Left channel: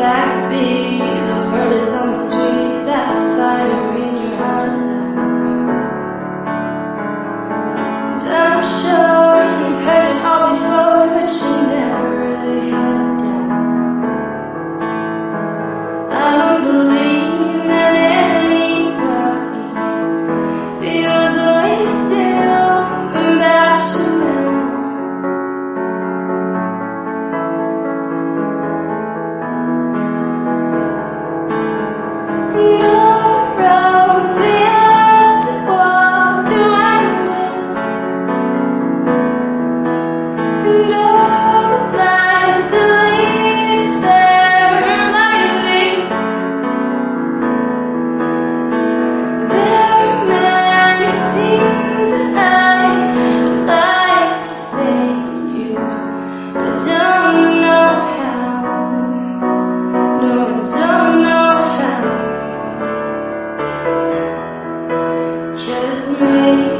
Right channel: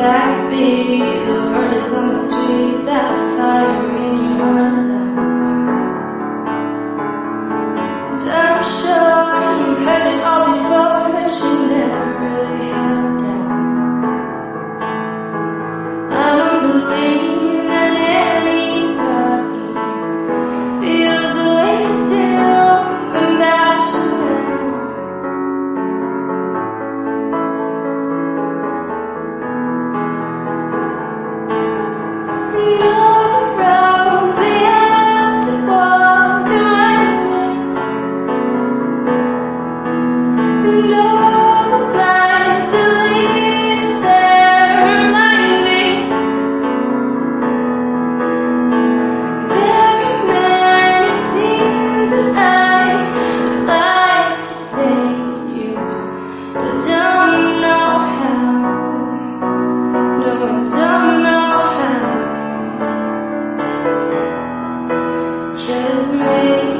Backbeat, the word is on the street that the fire in your heart is out. And I'm sure you've heard it all before, but you never really had a doubt. I don't believe that anybody feels the way you do about you now. And all the roads we have to walk are winding, and all the lights that lead us there are blinding. There are many things that I would like to say to you, but I don't know how. No, I don't know how. 'Cause maybe